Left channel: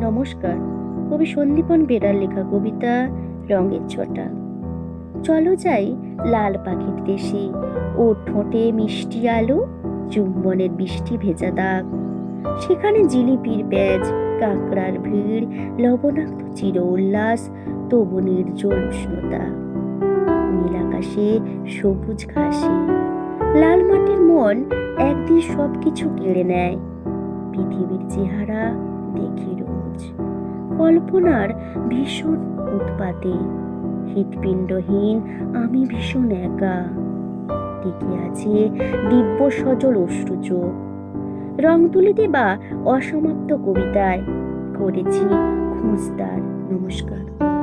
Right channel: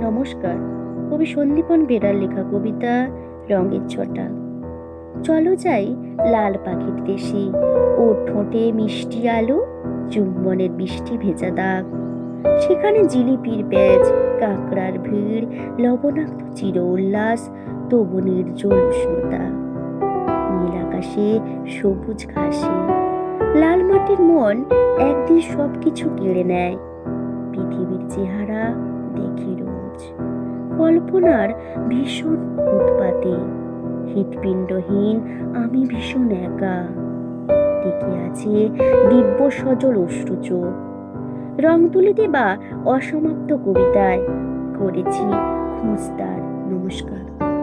নমস্কার। কবি সন্দীপন বেরার লেখা কবিতা রঙের ছটা। চলো যাই লাল পাখির দেশে, ও ঠোঁটে মিষ্টি আলো, চুম্বনের বৃষ্টি ভেজা দাগ। সেখানে জিলিপির প্যাচ, কাঁকড়ার ভিড়, লবণাক্ত চির উল্লাস, তবু নির্জল উষ্ণতা। নীল আকাশে সবুজ ঘাসে লাল মাটির মন একদিন সবকিছু কেড়ে নেয়। পৃথিবীর চেহারা দেখি রোজ কল্পনার ভীষণ উৎপাতে। হৃৎপিণ্ডহীন আমি ভীষণ একা, টিকে আছে দিব্য সজল অশ্রু চোখ। রং তুলি দেবা অসমাপ্ত কবিতায় করেছি খোঁজদার। নমস্কার।